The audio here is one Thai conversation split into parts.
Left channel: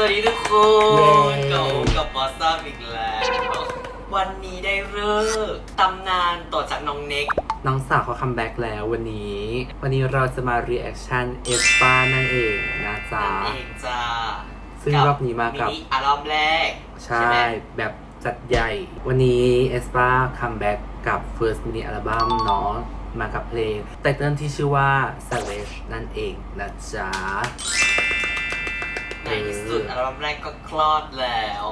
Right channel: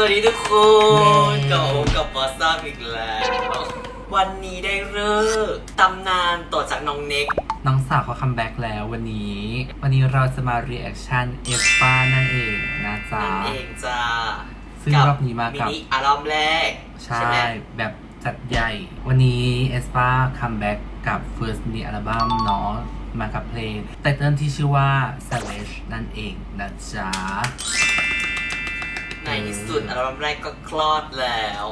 วัสดีทุกคนกลับมากับวอสซัมอีกแล้ว วันนี้ได้เลิกษ์ตำนานต่อจากน้องเน็ก น้องสาวเขาคัมแบ็กแล้ววันนี้ วันนี้เราจะมา reaction เอฟปานั่นเองนะจ๊ะนั่นเองจ้าซึ่งรอบนี้มากับมินิอัลบั้มแรก ใช่ไหมแบบจัดใหญ่ วันนี้เอสปาคัมแบ็กกับ first mini album เนาะมากับเพลงไตเติลที่ชื่อว่า Savage นั่นเองนะจ๊ะในที่ สุดอัลบั้มแรกก็คลอดแล้ว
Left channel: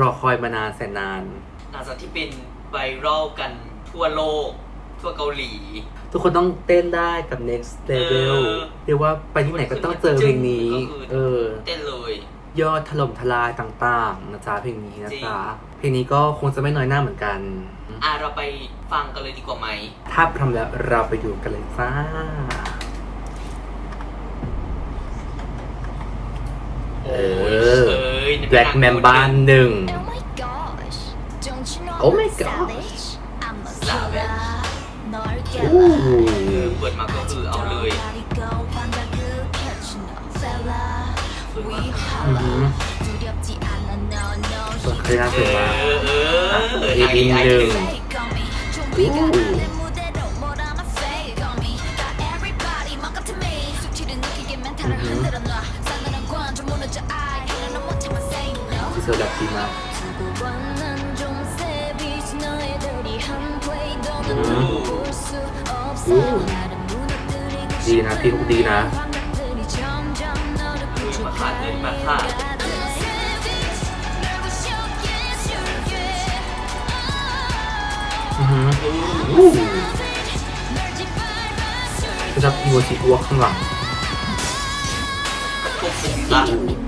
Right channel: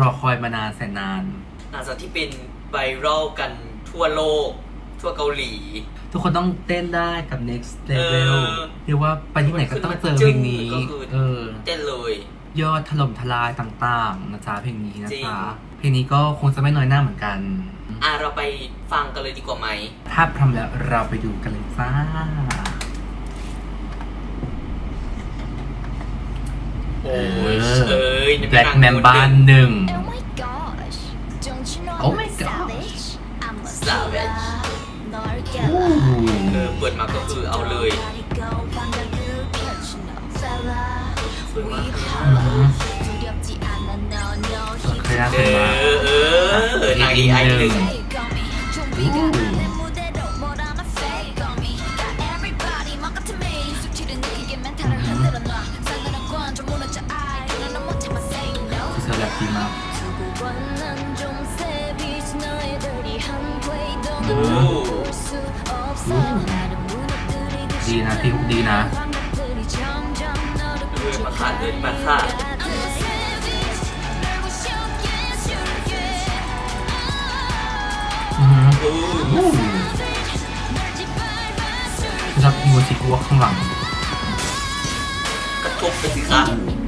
รอคอยมานานแสนนาน หลังจากที่เป็นไวรัลกันทั่วโลก ทั่วเกาหลี ทุกคนต้องเต้นได้กับ next level เออเรียกว่าไปที่ไหนก็ต้องเจอเพลงนี้ ก็คือเออ เต้นเลย ยอดถล่มทลายต่างๆนะจ๊ะเพลงนี้นะจริง จ๊ะเพลงนี้ก็คงจะไม่น้อยหน้าเหมือนกัน อะเราไปฟังกันเลยดีกว่าไหม ถ้าพร้อมแล้วเราไปดูกันเลยจ้า โอ้ย เออ เอ้ยนี่ แบล็ เป็น ก นาง แมนบ้านหนึ่ง Oh my gosh, don't you know Oh I'm my a gosh. savage? I'm a Savage. killer. 널 โอ้ 깨라. โห เออเปิดมาก็คือเอาเลย 아직도 환각을 펼쳐 no fella. We อื holla. ม 두렵지 않아 no no พยายาม เอ เห็นว่า อเออนางเอไอหนึ่ง Fake on me. 좀비가 ดีนะพี่ลูกดีนะมาขาดเย็นมาขาดรับยูสิวข้างหลังกระทบไปสิครับ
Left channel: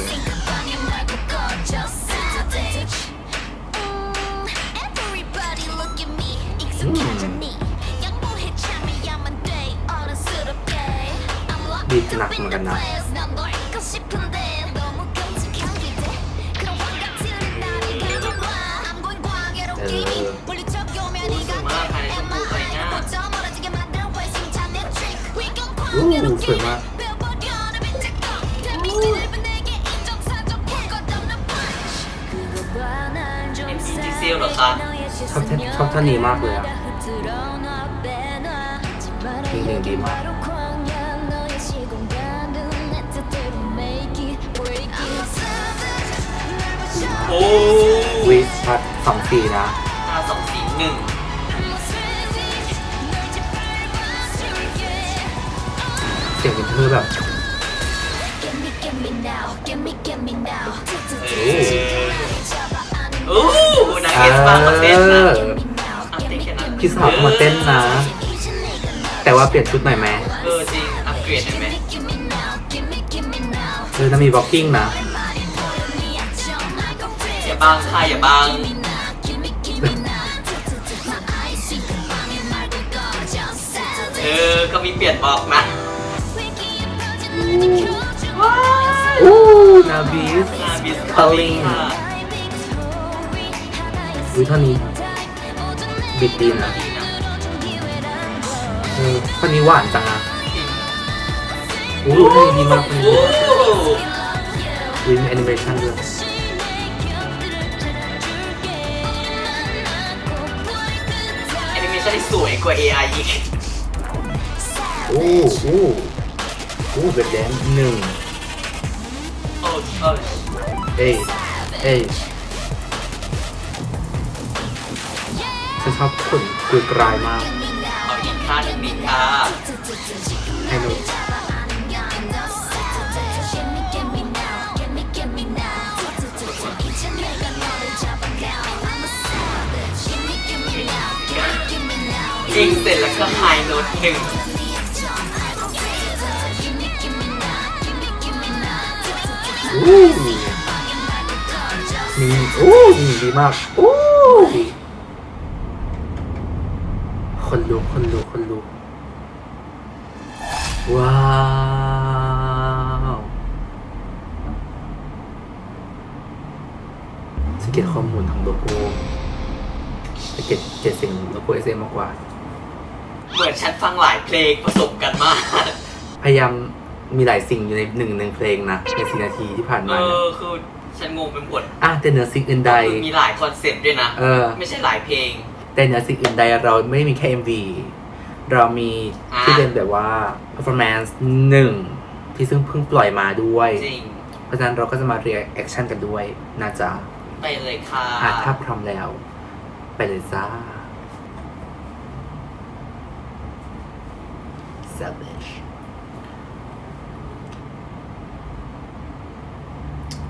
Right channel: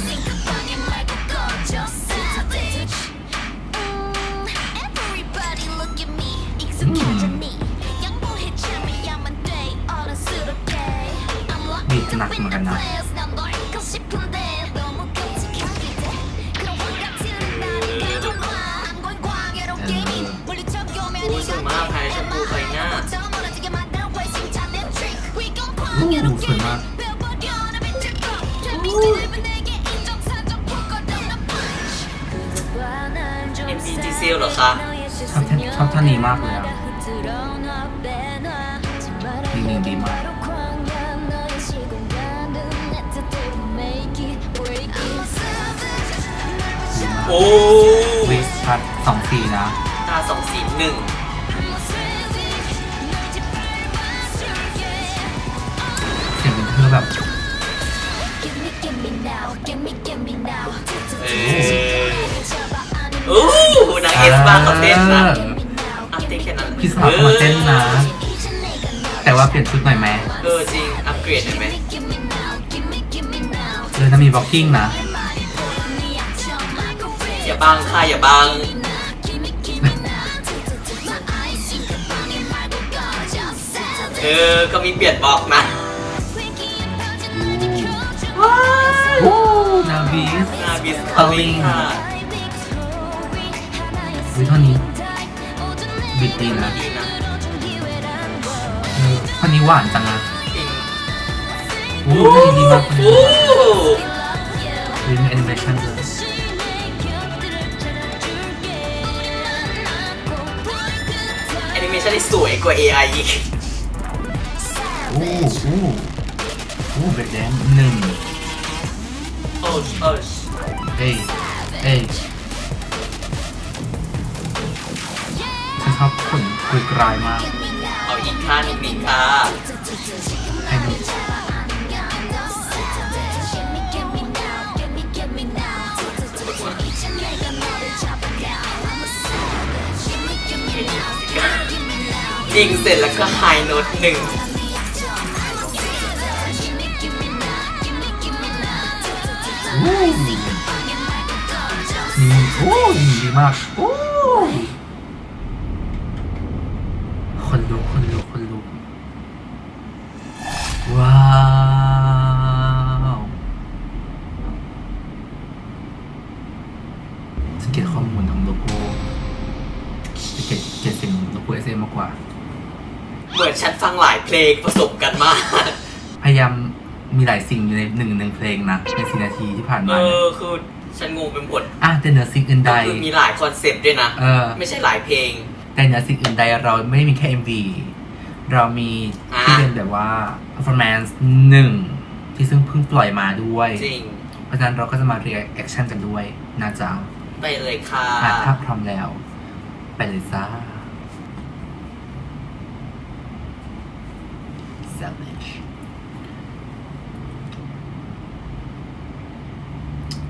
리적 요면이 오, 정말 같아. 발전 보고있냐? 더 멀어지게 만든 회심찬 내 trick. We gon' 오, 광야로 게이밍. 정말. 배워버려 나 빛을 꺼. 데미지 넓은 내게 인정사정 굴거든 punch. 그거 봐난 좀 MV 디세요เหรอคะ ชอบท่านชอบท่านนี้มากเลยอะ 이 음, 음, 음. โอ้วิชัดสองสีนะตาสองสีหนึ่งเสียงเป็นเธอแบบเออโอ้นางเอสปาเขาเต้นนะเอออะเต้นแค่นั้นพี่สาวเขามาเต้นนะ แต่ว่าเปลี่ยนชุดใหม่ไหมเออจริง อัปเกรดได้ไหม เออจะมีบล็อกกิ้งนะอย่าบังค่ะอย่าบังเออ ก็มีเปลี่ยนบอกนะโอ้นาบิสนาบิสคอลลิงค่ะวิเท่านี้บิดดีนะดีนะเออคนนี้หวานจังนะจริง โอ้เพลงดีมากเลยโอ้วิมีแอนิเมชันเลยแอนิเมชันที่สวยกว่า AI อีกโอ้โอ้โอ้เบ็ดแดนหนึ่งโอ้เออเอ้ยเอ้ยฉันชอบขนคือกลายมากเอาอีกท่าหนึ่งดีค่ะให้มัน ยิงเสร็จแล้วก็ไฮโน้ตหนึ่งโอ้นี่โอ้นี่ดีมากโอ้คนลุกคนลุกคนลุกว้าวสังเกตข้อมูลของโลโก้สังเกตเกตสียงโลโก้ SM มากกว่า เหมือนฉันฟังหลายเพลงผสมกันมาก พยายามมีหลายสิ่งอยู่ในหนึ่งหนึ่งเพลงนะในสินาทีที่ผ่านเอมาเนี่ยอคือฉันงงไปหมดอะแต่เหนือสิ่งอื่นใดก็คือมีหลายคอนเซปต์ด้วยนะ เออ ไม่ใช่หลายเพลง แต่เหนือสิ่งอื่นใดเราไม่ได้มีแค่ MV เรามีอะ ที่เป็นแบบว่า performance หนึ่งที่ซึ่งเพิ่งปล่อยมาด้วย จริง เพราะฉะนั้นเราก็จะมา reaction กันด้วยนะจ๊ะไปเลยค่ะ อะถ้าพร้อมแล้ว ไปเลยจ้า Savage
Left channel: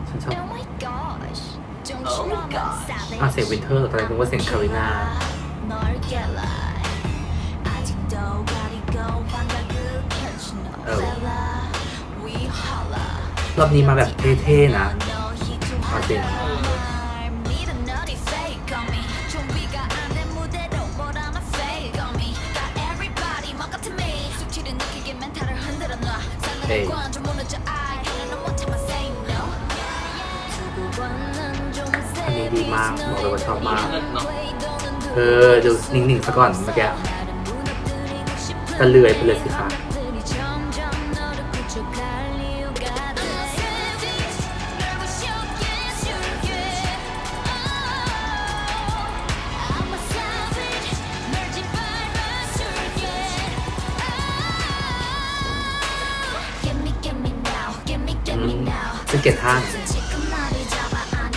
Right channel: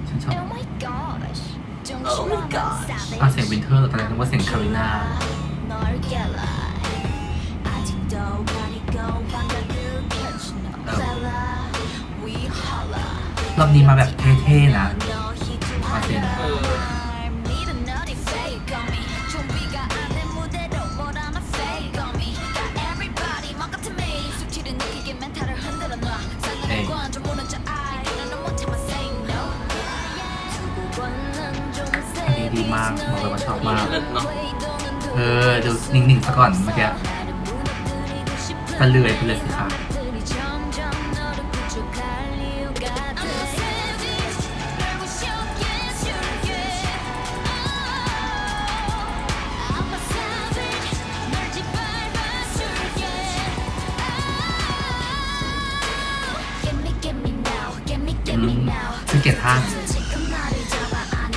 ฉัน ชอบ Oh my gosh don't Oh you my know I'm gosh. savage อ่ะเสียงวินเทอร์ตอนแรกนึกว่าเสียงคาริน่า 널 깨라 아직도 가리고 방각을 펼친 no Oh. fella we holla รอบนี้มาแบบเท่ๆนะ 너 희주하 เอาจริง 날 믿은 너리 fake on me 준비가 안 된 무대로 but I'm a fake on me got everybody 막 같은 me 숙취를 느끼게 멘탈을 흔들어 놔 싸늘한 Hey. 관좀 ดีมากบอกเลยว่าชอบมาก เลิศเนาะเออดี๋ยวนิ่งๆซะก่อนเมื่อกี้ตะเลื่อยไปเลยสิคะซึ่งเกตท่างเฮ้ยแต่ท่า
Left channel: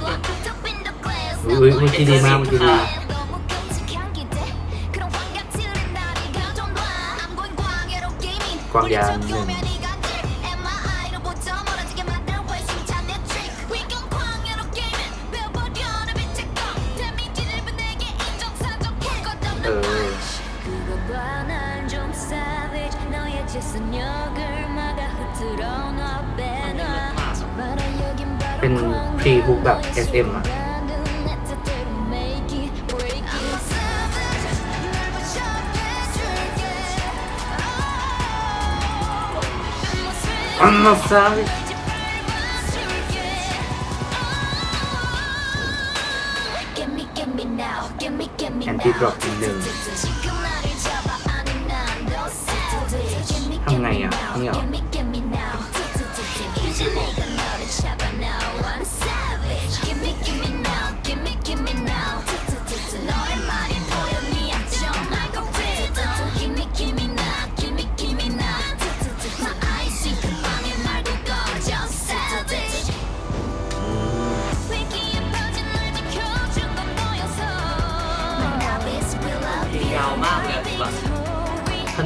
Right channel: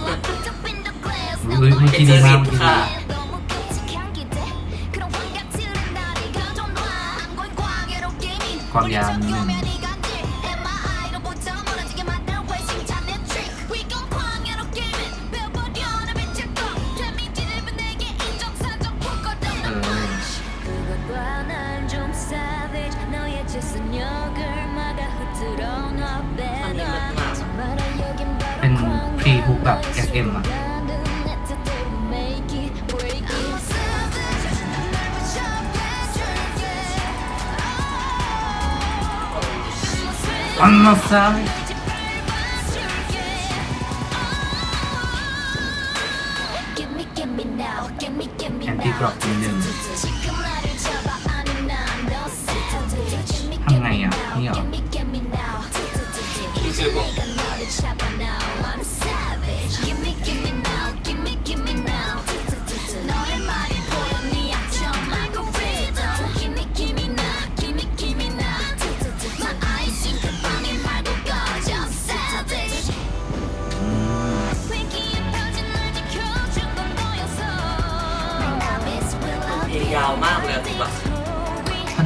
าะห์ I'm locked up in the glass เฮ้ยเมื่อกี้ดีมากเมื่อกี้ดี ค่ะ 너무 끔찍한 기대 그런 환각들은 나를 감정 놔 I'm going 광야로 게이밍 광야 우리 적 교면이 간질 MRI 로부터 멀어지게 만든 회심 잔내 trick We gon' 광야로 게이밍 배워버려 내 빛의 검 데미지를 내게 인정 사정 풀거든 เออ 그것과 난 좀 savage 너의 재산력을 막아 흐트러 놔 빼놔 ตีทุกแบบเอ็มเอ็มอันมาซาวิแอนตี้ดรอปนิดนึงทำไงอะนี่หรอ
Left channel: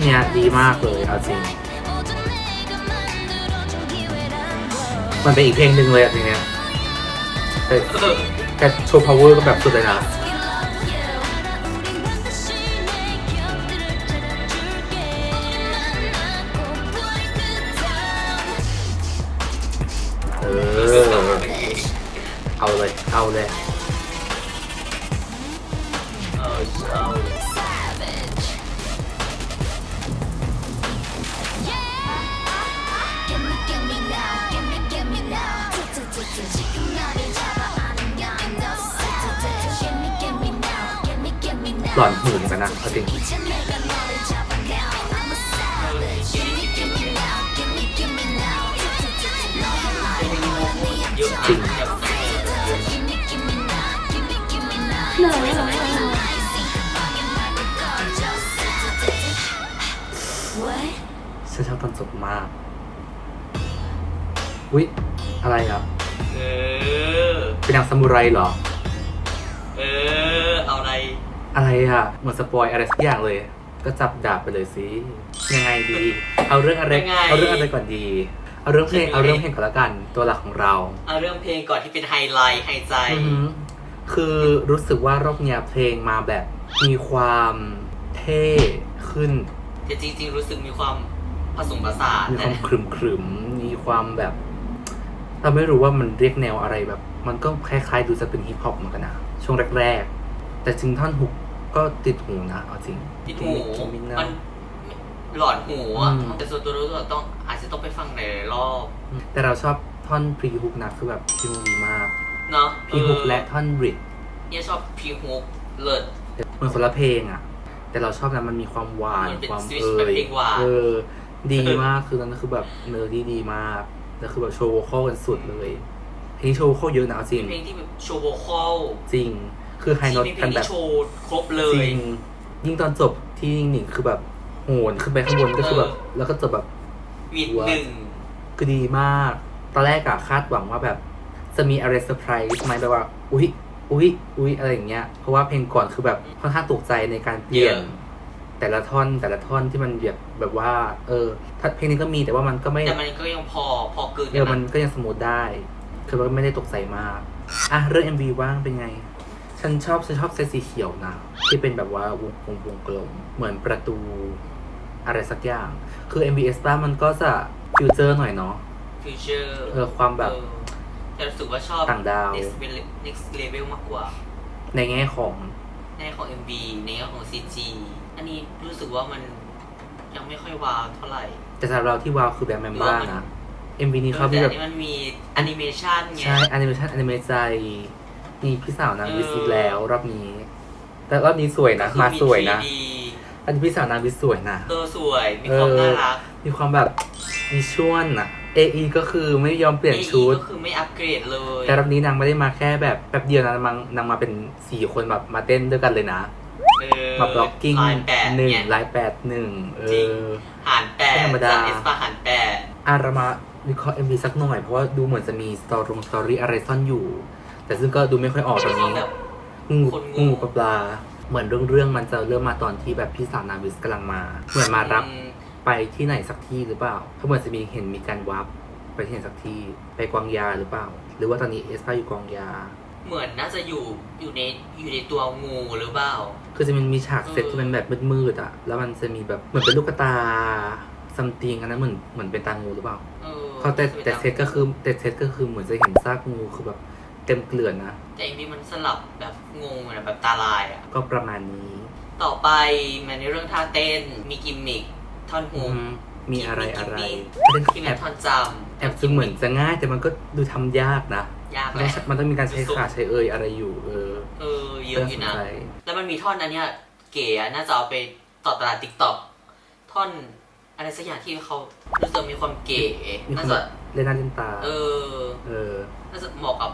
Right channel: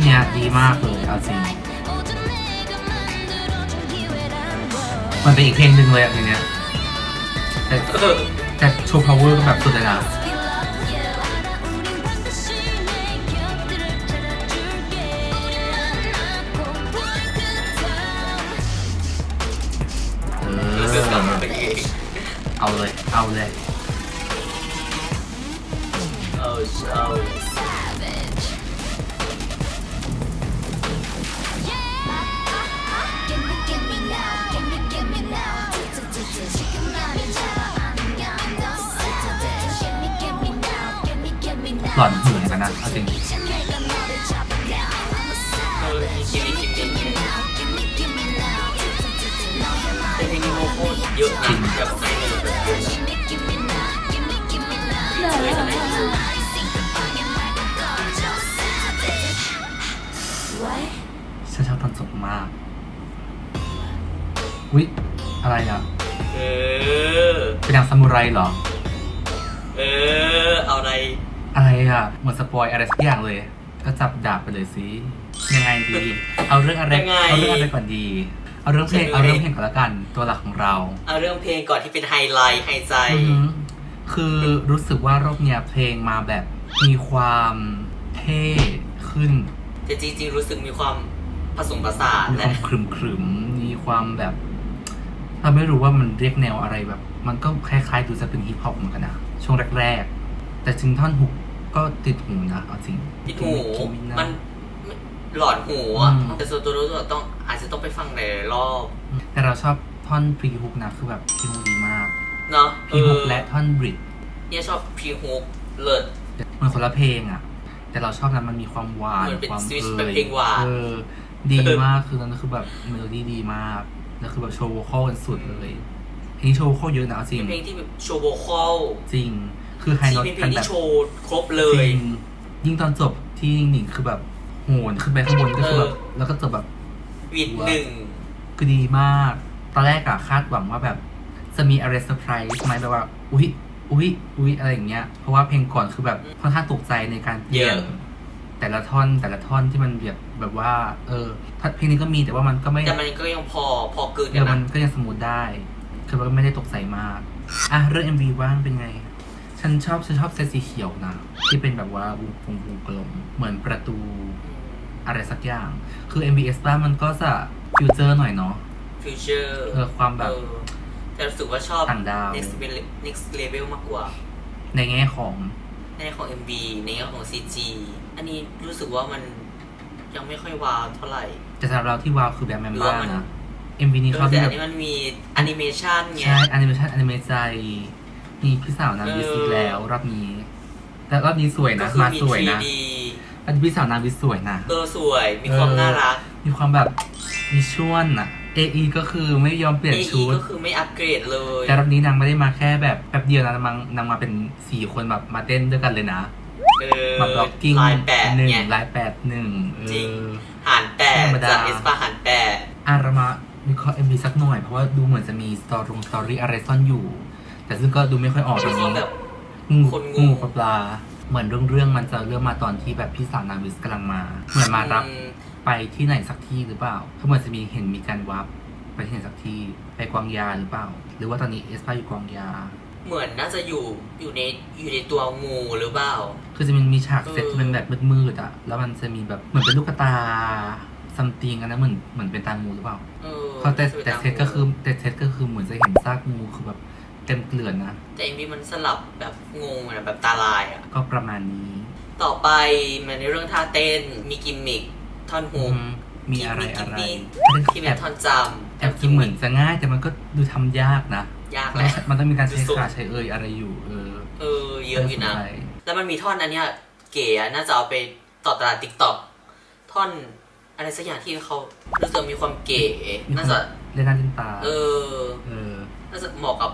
เนี้ยดีมากเลยเอาจริง มันเป็นอีกเพลงหนึ่งเลยอะเพลงเนี้ยแต่แต่โชว์ power ก็แบบสุดเลยนะเอาเลย เอาเลย เออเอา หล่อนหื่นกันนะเอาจริงเออมีกิมมิคกิมมิคเนี่ยแต่เพลงนี้โมโหเยอะนะแบบใส่โมโหเยอะนะช่วยทำได้ดีฉันชอบตอนจบมากอุ๊ยอะไรอะเออ เป็นนางซามูไรเหรอ เออ เอาอะไร อะไรอะเหมือนสปอยอะไรสักอย่างเลย ก็จับดาบไปเลยสิยังไงดี เอาเรื่องอะไรยังไง เอาเรื่องอะไรก่อนดี เอาเรื่องเพลงเฉลยเอาเรื่องเพลงก่อนละกันตัวหลักของเรา เอาเรื่องเพลงก่อนที่เป็นไฮไลท์ไฮใจ อือหือคือรู้สึกว่ารอบเนี้ยเพลงมาแบบมีความเท่ขึ้น แต่จริงๆรู้สึกมีความผสมผสานมีความนะขรึมขรึมๆ มีความแบบ เราไม่รู้ว่ามันเรียกแนวอะไรแบบ มันก็คล้ายๆ ดูจะเป็นฮิปฮอปเหมือนกันนะช่วงแรกๆ แต่ถึงท่อนฮุก ก็ติดหูนะเอาจริงติดหูคิมินะ มันหลอนหูอะอืม แต่ส่วนตัวรู้สึกว่าต้องอาจจะต้องไปฟังหลายๆรอบแต่เราชอบท่อนพรีฮุกนะคือแบบพรีฮุกดีมากเนาะพรีฮุกและท่อนบริดเนี่ยชอบพรีฮุกเลิศมันคนละเพลงอะ แต่เราชอบนะมันมีความหวานเหมือนเป็นความ switch เอ่เป็นยเพลงหวาน เออดีมากคือตอนนั้นคือแบบเมโลดี้ดีมากแล้วคือแบบโชว์โวคอลกันสุดเลยเพลงนี้โชว์โวคอลเยอะนะเอาจริง เป็นเพลงที่แบบโชว์โวคอลจริง คือไฮที่โน้ตเป็นเพลกังนแบที่บโชว์ครบเลจย ริงยิ่งตอนจบที่หนิงคือแบบโหนขึ้นไปข้างบนก็คือแบบเออ แล้วก็จบแบบวีดหนึ่ง คือดีมาก ตอนแรกอะคาดหวังว่าแบบ จะมีอะไรเซอร์ไพรส์ไหมแบบว่า อุ๊ย อุ๊ย อุ๊ย อะไรอย่างเงี้ย เพราะว่าเพลงก่อนคือแบบค่อนข้างตกใจในการเปลี่ยน เยอะ แต่ละท่อนแต่ละท่อนที่มันแบบแบบว่า เออถ้าเพลงนี้ก็มีแต่ว่ามันก็ไม่ แต่มันก็ยังพอพอเกินเอกัอนมันนะก็ยังสมูทได้ คือว่าไม่ได้ตกใจมาก อะ เรื่อง MV ว่างเป็นไง ฉันชอบฉันชอบเซตสีเขียวนะ ที่เป็นแบบว่าวงวงวงกลมเหมือนประตูอะไรสักอย่าง คือ MVS บ้ามันก็จะฟิวเจอร์หน่อยเนาะ ฟิวเจอร์เพื่อความแบบ แต่รู้สึกว่าชอบ ต่างดาว next level next level มากกว่า ในแง่ของ ในแง่ของ MV ในแง่ของ CG อันนี้รู้สึกว่ามันยังไม่ค่อยว้าวเท่าไหร่ แต่สำหรับเราที่ว้าวคือแบงค์แมมหรือบ้าว่ามันนะ MV นี้เขาแต่มีอัแบนบนี้มันมีแอนิเมชันไง ใช่แอนิเมชันแอนิเมใจ มีพี่สาวนางวิสเออแล้วรอบนี้ แต่รอบนี้สวยก็นะคือมามีสวยนะ 3D อันนี้พี่สาวนางวิสสวยนะเออสวยมีความเออน่ารัก มีความแบบวิชวลอะ AE ก็คือไม่ยอมเปลี่ยน AE ชุดก็คือไม่อัปเกรดเลย แต่รอบนี้นางไม่ได้มาแค่แบบแป๊บเดียวนะนางนางมาเป็นสี่คนแบบมาเต้นด้วยกันเลยนะเออมาบล็อกกิ้งลายแปดหนึ่งไงลายแปดหนึ่งเอจริงอหารแปดธรรมดาจากเอสปาหารแปดอะเรามาวิเคราะห์ MV สักหน่อย เพราะว่าดูเหมือนจะมีสตอรี่สตอรี่อะไรซ่อนอยู่ แต่ซึ่งก็ดูไม่ค่อยออกตรงนี้แบบงูคนงู งูกับปลา เหมือนเรื่องเรื่องมันจะเริ่มมาตอนที่แบบพี่สาวนาวิสกำลังมา เหมือนมารับอืมไปที่ไหนสักที่หรือเปล่าถ้าเหมือนจะมีเห็นมีการวับไปที่ไหนสักที่ไปกวางยาหรือเปล่า หรือว่าตอนนี้เอสพาอยู่กวางยา เหมือนน่าจะอยู่อยู่ในอยู่ในตัวงูหรือเปล่า คือจะมันมีฉากเออเซตที่มันแบบมืดๆอะ แล้วมันจะมีแบบเหมือนเป็นลูกตาซัมติงอันนั้นเหมือนเหมือนเป็นตางูหรือเปล่า เออเพราะแต่น่าจะแต่ป็นเซตก็คือแต่เซตก็คือเหมือนจะเห็นซากงูคือแบบ เต็มเกลื่อนนะ แต่เอ็มวีมันสลับแบบงงอะแบบตาลายอะก็ประมาณนี้ต่อไปมันในเรื่องท่าเต้นมีกิมมิคท่อนฮุอืกมมีอะไรอะไรที่แอเป็นบท่อนจำแอบจะเหมือนจะง่ายแต่มันก็ดูทำยากนะ ยากมันแหต้ละองมันต้องมีการใช้สุดขาใช้เอ่ยอะไรอยู่ เออเออเยอะอยู่นะ ใช่แล้วมันมีท่อนอันเนี้ยเก๋อะน่าจะเอาไปต่อตลาดติ๊กต็อกท่อนอะไรสักอย่างที่เขารู้สึกมีความเก๋มีควาน่ามจะเล่นหน้าเล่นตาเออเออน่าจะเหมาะกับ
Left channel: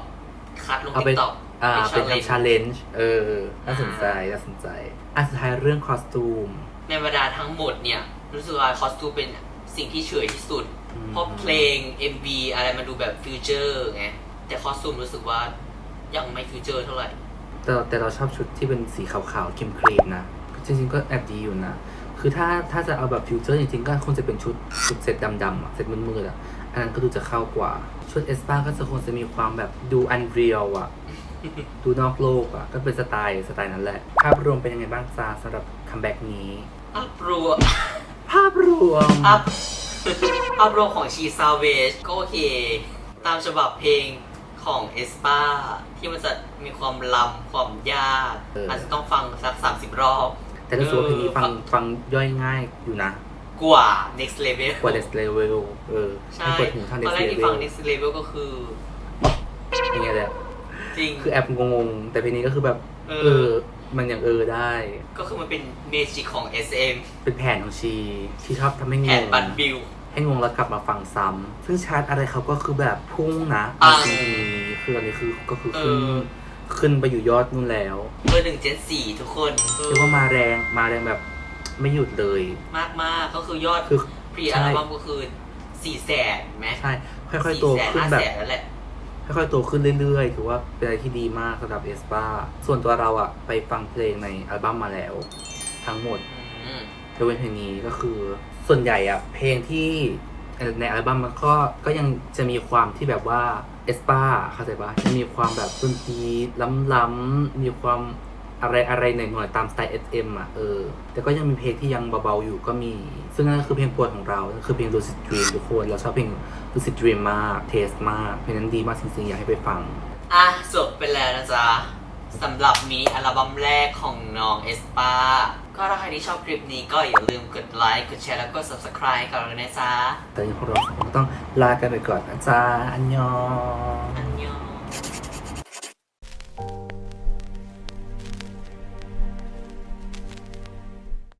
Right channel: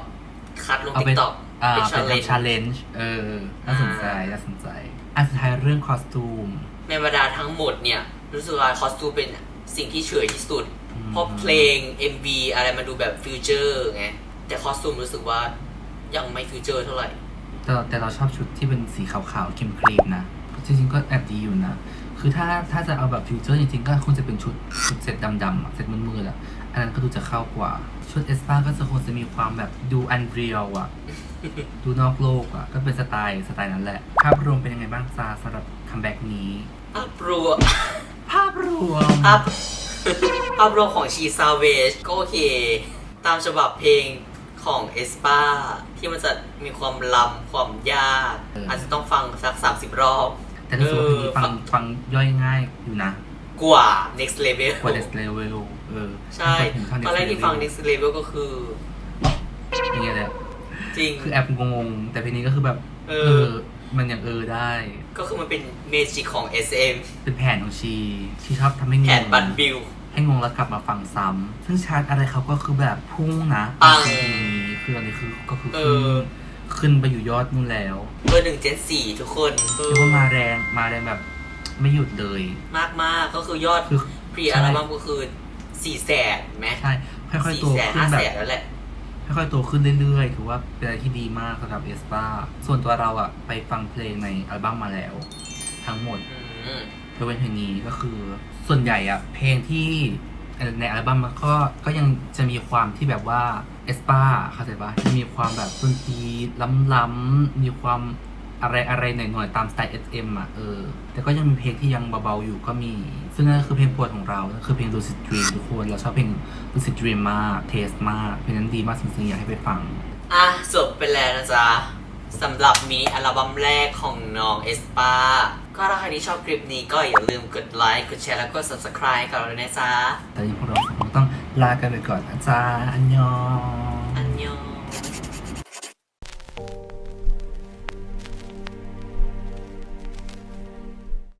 คัดลงเอาติ๊ไปกต็อก อ่าเป็นเป็น challenge ชาเลนจ์เออน่าสนใจน่าสนใจ อันสุดท้ายเรื่องคอสตูม ในบรรดาทั้งหมดเนี่ย รู้สึกว่าคอสตูมเป็นสิ่งที่เฉยที่สุด อืม เพราะเพลง MV อะไรมันดูแบบฟิวเจอร์ไง แต่คอสตูมรู้สึกว่ายังไม่ฟิวเจอร์เท่าไหร่ แต่แต่เราชอบชุดที่เป็นสีขาวๆครีมๆนะ จริงๆก็แอบดีอยู่นะ คือถ้าถ้าจะเอาแบบฟิวเจอร์จริงๆ ก็คงจะเป็นชุดชุดเซ็ตดำๆอะเซ็ตมืดๆอะ อันนั้นก็ดูจะเข้ากว่า ชุดเอสปาก็จะคงจะมีความแบบดูอันเรียลอะ ดูนอกโลกอะ ก็เป็นสไตล์สไตล์นั้นแหละ ภาพรวมเป็นยังไงบ้างซาสำหรับคัมแบ็กนี้ภาพรวมภาพรวมภาพภาพรวมของชีซาเวจก็โอเค ตามฉบับเพลงของเอสปาที่มันจะมีความลำความยากเออออาจจะต้องฟังสัก30รอบ แต่รู้สึกว่าเพลงนี้ฟังเออฟังย่อยง่ายอยู่นะ กว่า next level กว่า next level เออใช่กว่าถึงขั้ตอนแรกที่ฟัง next level ก็คืออย่างเงี้ยแหละจริงคือแอบงงๆแต่เพลงนี้ก็คือแบบ เอเอออมันยังเออได้ ก็คือมันเป็นเมจิกของ SM เป็นแผนของชีที่ชอบทำให้งแผงนบันบิลให้งงแล้วกลับมาฟังซ้ำซึ่งชาร์ตอะไรเขาก็คือแบบพุ่งนะปังเพลงนี้คือตอนนี้คือก็คือเอขึ้นอ ขึ้นไปอยู่ยอดนู่นแล้วเบอร์หนึ่งเจนสี่ทุกคนเรียกว่ามาแรงมาแรงแบบไม่หยุดเลย มากมากๆก็คือยอดคือพรีอัลบั้มก็คือสี่แสนไหมใช่ค่อยสี่ๆโตแสนขึ้ห้านแบแสบนแล้วแหละค่ค่อยๆโตขึ้นเรื่อยๆ ถือว่าเป็นอะไรที่ดีมากสำหรับเอสปาส่วนตัวเราอะไปฟังเพลงในอัลบั้มมาแล้ว ทั้งหมดอืมยกเว้นเพลงนี้ก็คือ ส่วนใหญ่อะเพลงที่ ในอัลบั้มมันก็ก็ยังจะมีความที่แบบว่าเอสปาเข้าใจปะจะมีความแบบดนตรีล้ำๆมีความอะไรอะไรหน่อยๆตามสไตล์ SM อะเออ แต่ก็ยังมีเพลงที่ยังเบาๆอยู่ก็มี ซึ่งนั่นคือเพลงโปรดของเราคือเพลง Lucid Dream ทุกคน เราชอบเพลง Lucid Dream มาก เทสมาก เพลงนั้นดีมากจริงๆ อยากให้ไปฟัง อะ จบไปแล้วนะจ๊ะสำหรับมินิอัลบั้มแรกของน้องเอสปา ก็ถ้าใครที่ชอบคลิปนี้ก็อย่าลืมกดไลค์ กดแชร์ แล้วก็ subscribe กับเราด้วยนะจ๊ะแต่ยังพวกเราต้องลากันไปก่อนนะจ๊ะอันยอง